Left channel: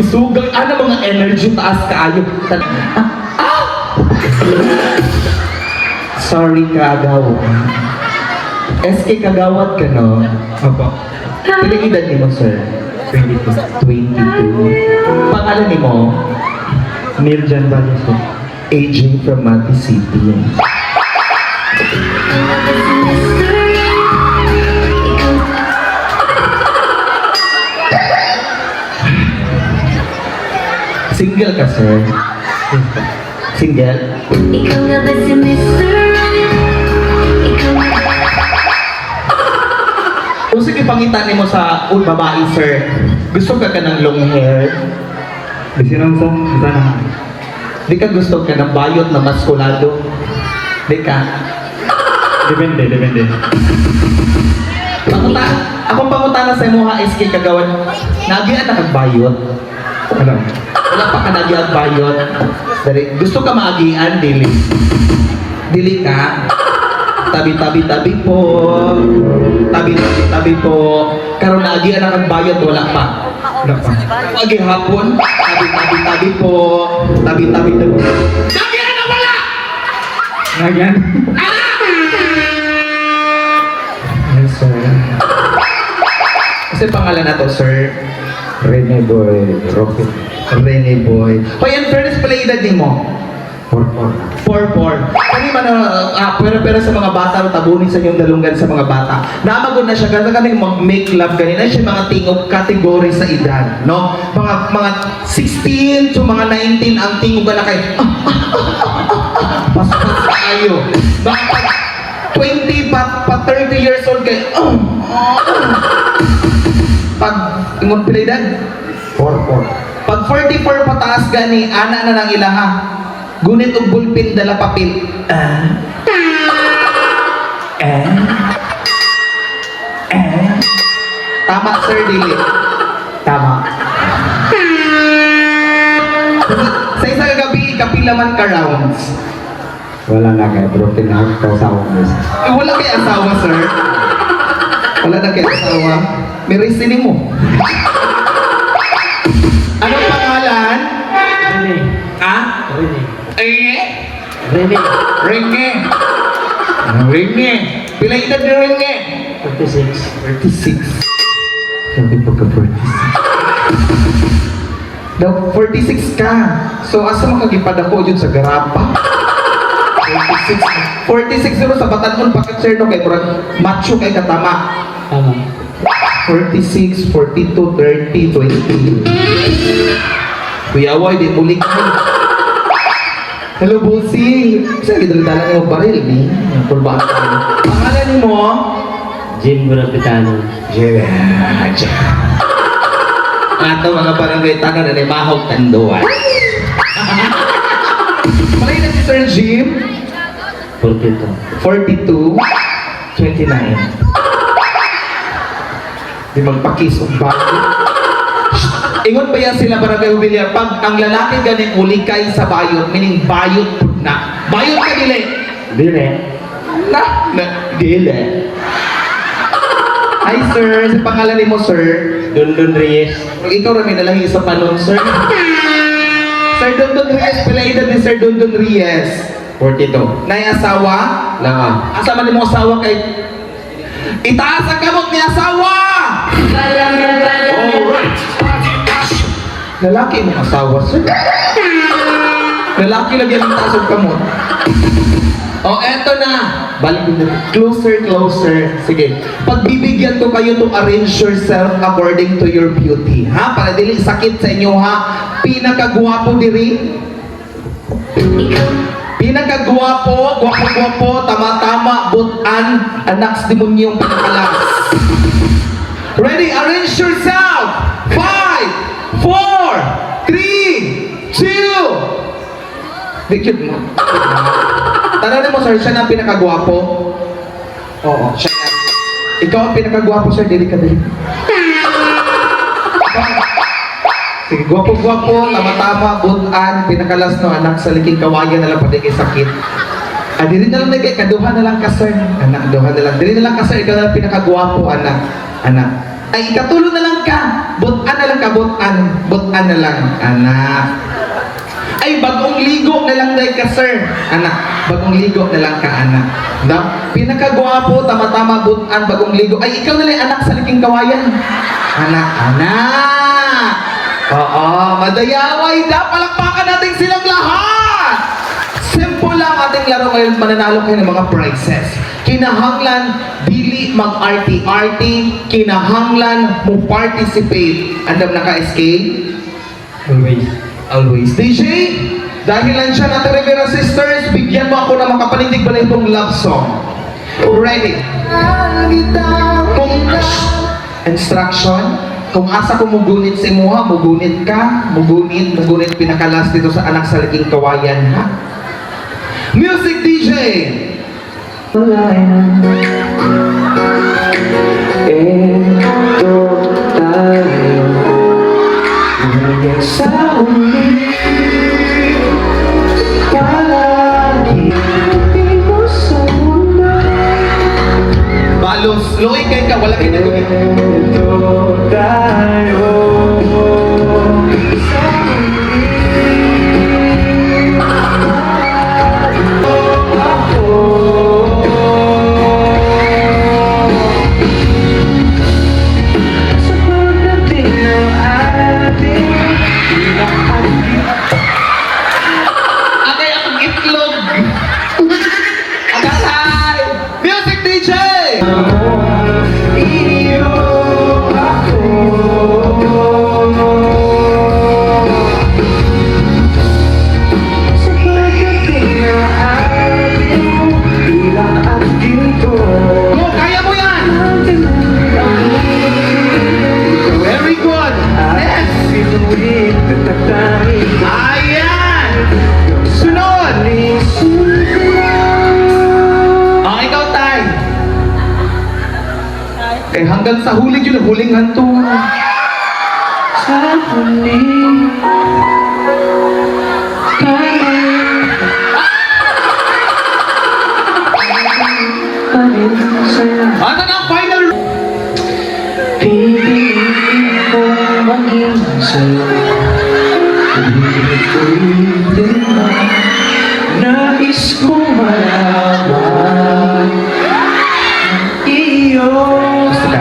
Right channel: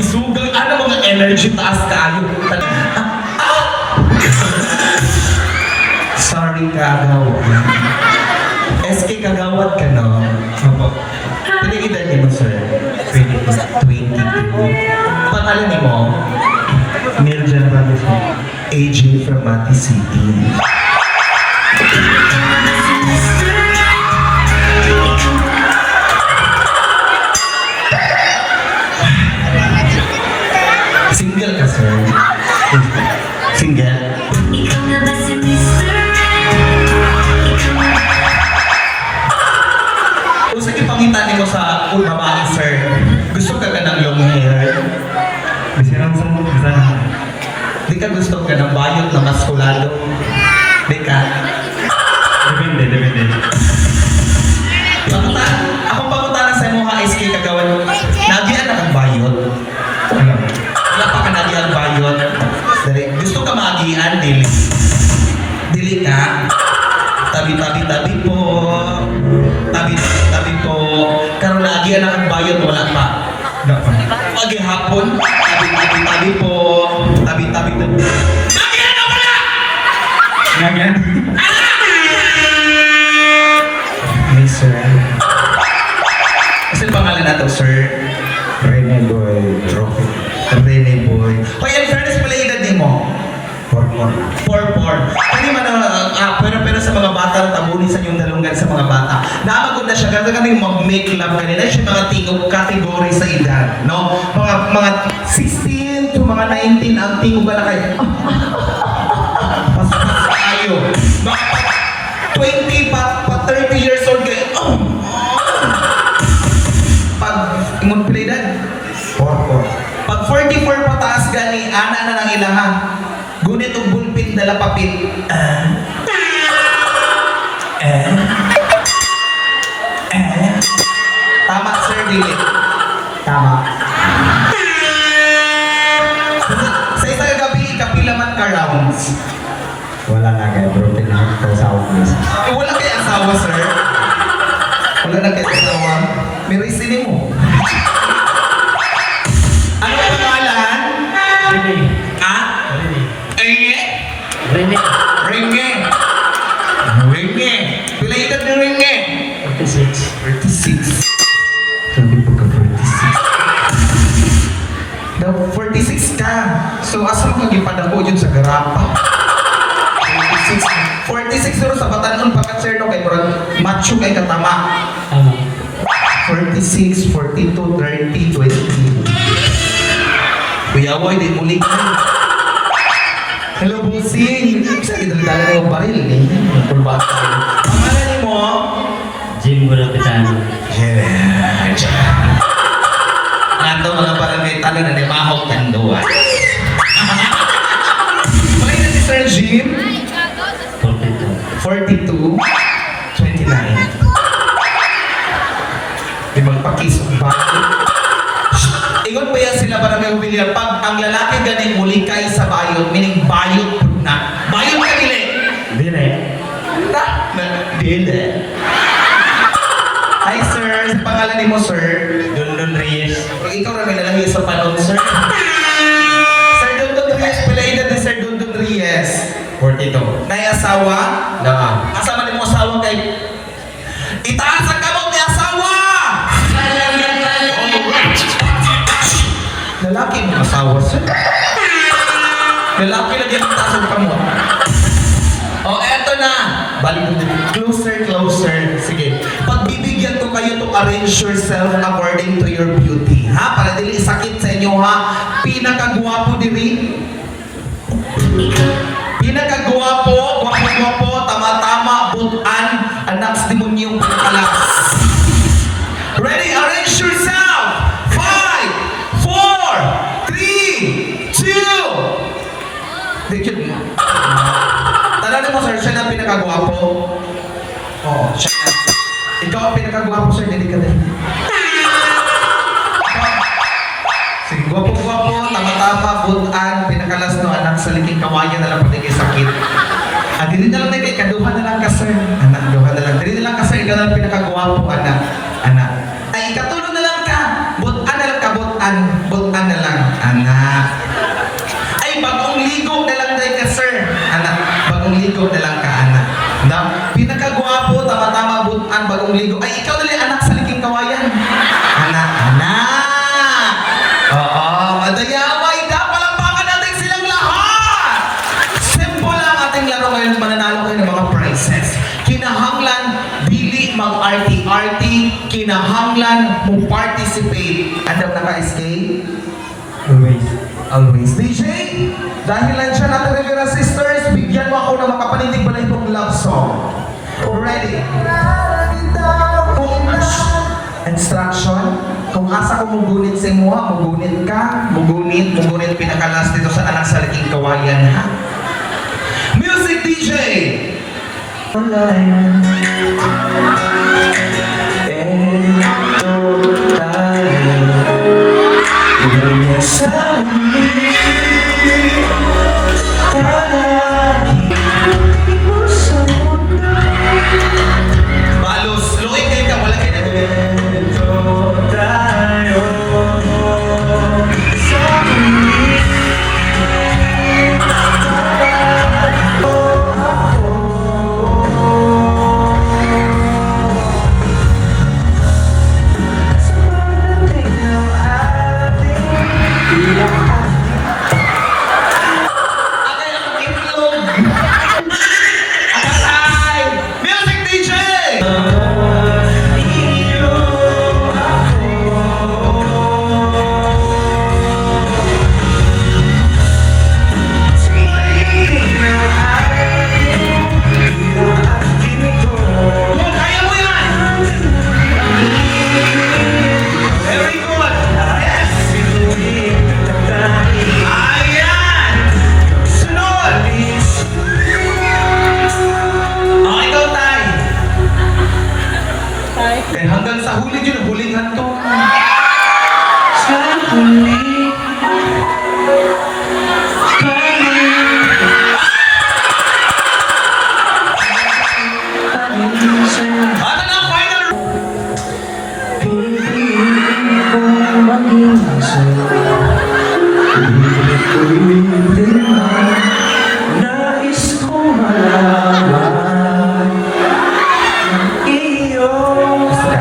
isugal, ano mga energy taas kaayo. Sorry, Kagawa. SK Kagawad ka, no? Opo. Piling edad ni mo, sir? 22. 22. Pangalan ni mo? Neil Jan Vargas po. AJ from Mati City. Single ka, sir? Yes po. Single? Ikaw nga ba si Mr. Ikaw nga Kung sige pangitan mo sa babae, sir, gusto ka ng long hair? Bisa lang sa... Bisa lang. Di ka gusto ka ng bayot na maskulado? Di ka? Depende. Panguta, akong pangutana sa mo ha, SK Kagawan, nagyan na kang bayot? Ano? Wala pa ka nagyan bayot? Dari, gusto ka maagian, dili? Dili ka? Tabi-tabi-tabi po. Tabi-tabi po. Karon naagian na kang bayot, wala pa. Wala pa. Agi hapon, tabi-tabi-tabi po. Tabi-tabi-tabi. Nagyan na wala! Nagyan? Ay, sir. Kasi pangalan na to, sir. Rene Boy. Rocky. Rene Boy. Hoy, in fairness pala edad din mo. Hormone. 4-4. Kani man pero sa mga bata, tabunin sa inyong dalunggan sa mga bata. Naamagod na siya, gano'n kaming mag-make love kanina. Siya mga tingog kategory sa edad, no? Mga 16 to mga 19 ang tingog na kayo. Paspas tayo. Bakit 20 pa 30 years old kayo. Pag ingon pala edad? 4-4. Pag 44 pataas gani, ana na nang ilaha. Gunit og bulpin dala papit. Tama, sir, dili. Tama. Sa isang gabi, kapila man ka rounds. Wala na kaya. Broken heart ko sa office. Eh, wala kay asawa, sir. Wala na kay asawa. May reason mo. Ano ang pangalan? Rene. Ah? Rene. Enge? Rene. Renge. Renge. Pila edad ni Renge? 46. 46. Sabi po ka 46. Daw 46 ka. So asa ka gipadako jud sa garapa? 46. 46 pero sa batanon pa ka sir no kay murag macho kay katama. Ano? 46, 42, 30, 20. Kuya Woy, di muli ka. Hello, bossing. Saan gidala ng baril ni? Kulbaan tayo. Pangalan ni mo? Jim Burapitano. Yeah. Ato mga barangay tanong na mahog tanduan. Malay na si Sir Jim? 42. 42, 29. Di magpakisog ba? Ingon pa yan sila barangay William. Pag ang lalaki ganing ulikay sa bayot, meaning bayot na. Bayot ka dili. Dile. Na dili. Hi sir, sa pangalan ni mo sir? Dundun Reyes. Pag ikaw rin nalahi sa panon sir. Sir Dundun Reyes, pila edad ni Sir Dundun Reyes? 42. Nay asawa? Lama. Asama ni mo asawa kay... Itaas ang kamot ni asawa! Alright. Lalaki mo asawa sir. Lalaki lagi ang taas ang kamot. Oh, eto na. Balik mo din. Closer, closer. Sige. Pagbibigyan ko kayo to arrange yourself according to your beauty. Ha? Para dili sakit sa inyo ha. Pinakagwapo diri. Pinakagwapo, gwapo-gwapo, tama-tama, butan, anak sa demonyong pinakalas. Ready? Arrange yourself! 5, 4, 3, 2. Dikit mo. Tanong mo, sir, siya na ang pinakagwapo? Oo, siya na. Ikaw ang pinakagwapo, sir, dili ka din. Sige, gwapo-gwapo, tama-tama, butan, pinakalas no anak sa liking kawayan na lang pati kay sakit. Dili na lang na kay kaduhan na lang ka, sir. Anak, duhan na lang. Dili na lang ka, sir, ikaw na lang pinakagwapo, anak. Anak. Ay, ikatulo na lang ka. Butan na lang ka, butan. Butan na na lang, anak. Ay, bagong ligo na lang dahil ka, sir. Anak, bagong ligo na lang ka, anak. Na, pinakagwapo, tama-tama, butan, bagong ligo. Ay, ikaw na lang, anak, sa liking kawayan. Anak, anak. Oo, madayaway. Palakpakan natin silang lahat. Simple lang ating laro ngayon. Mananalo kayo ng mga prizes. Kinahanglan, dili mag-arty-arty. Kinahanglan, mo participate. Andam na ka-SK? Always. Always. DJ, dahil lang siya natin Rivera Sisters, bigyan mo ako na makapanitig pala itong love song. Ready? Instruction. Kung asa ko mugunit si Moha, mugunit ka, mugunit pinakalas dito sa anak sa laking kawayan, ha? Music DJ! Balos, luoy kayo ka, wala kayo na Akay akong itlog. Akasay! Music DJ! Go, kaya mo yan! Very good! Yes! Ayan! Sunod! Ikaw, Tay! Eh, hanggang sa huli yun, huling hantungan. Sa huli. Ano na ang final? Nais kong malaman iyo Gusto ka?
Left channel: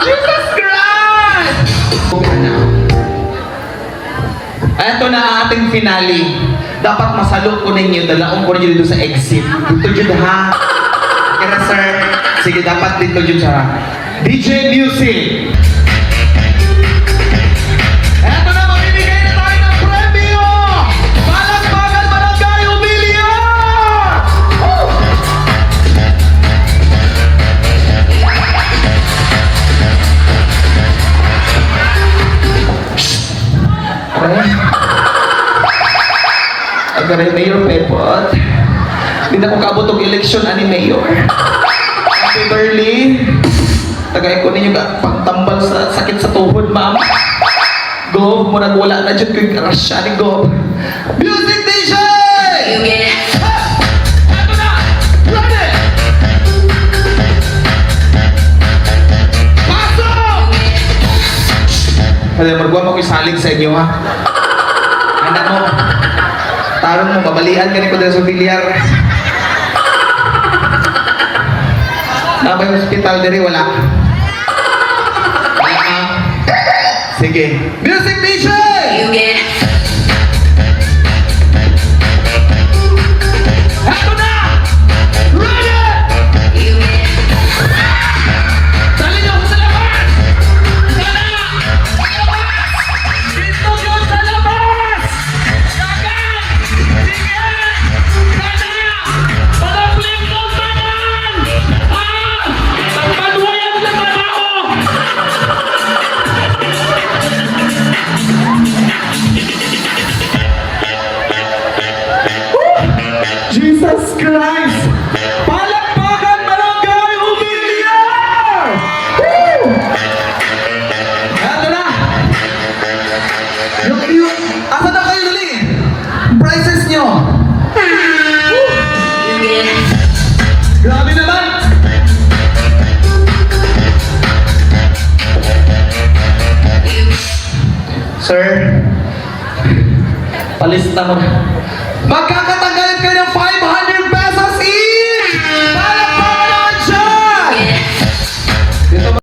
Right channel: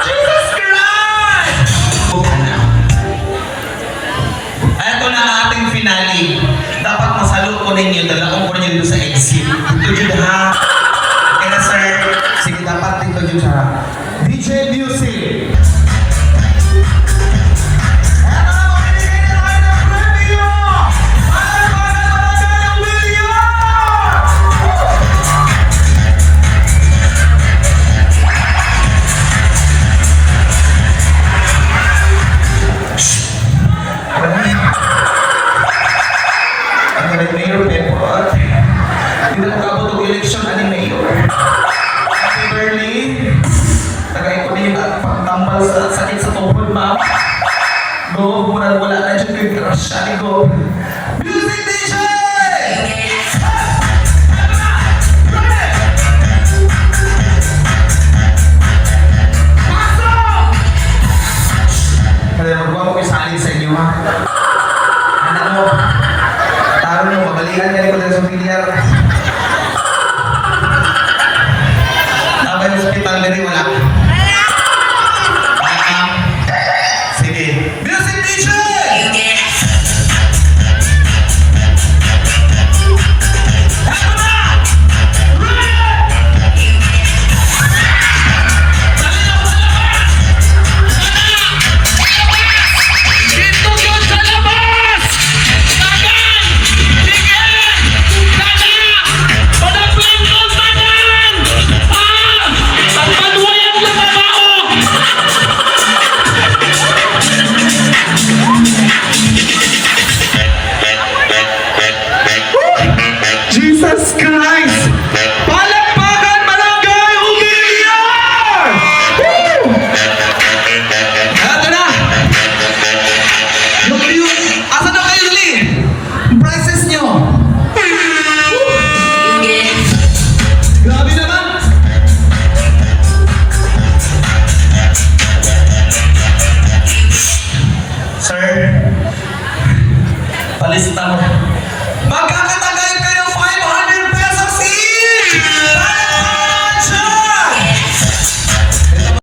Jesus Christ! Ito na ang ating finale. Dapat masalot ko ninyo, dalawang ko ninyo dito sa exit. Dito dyan ha. Kaya sir, sige dapat dito dyan sa DJ Music. Ito na, mamimigay na tayo ng premyo! Palakpakan Barangay Umilya! Aga rin Mayor Pepot. Hindi na makaabot ang eleksyon ani Mayor. Happy Berly. Tagay ko ninyo ka pagtambal sa sakit sa tuhod, ma'am. Go, murang wala na dyan kay karasya ni Go. Music DJ! Ito na! Ready! Pasok! Alam mo, magwa mo isalig sa inyo, ha? Anak mo, tarong mo, babalian ka ni Padre sa bilyar. Nabay hospital na rin, wala. Sige. Music DJ! Ito na! Ready! Dali na ako sa labas! Dito yun sa labas! Tanan! Sige! Tanan! Palablin ko, tanan! Pagpaduwayan lang na ba ako? Jesus Christ! Palakpakan Barangay Umilya! Woo! Ito na! Yung, asan na kayo dali? Prizes nyo! Woo! Palista mo. Magkakatagal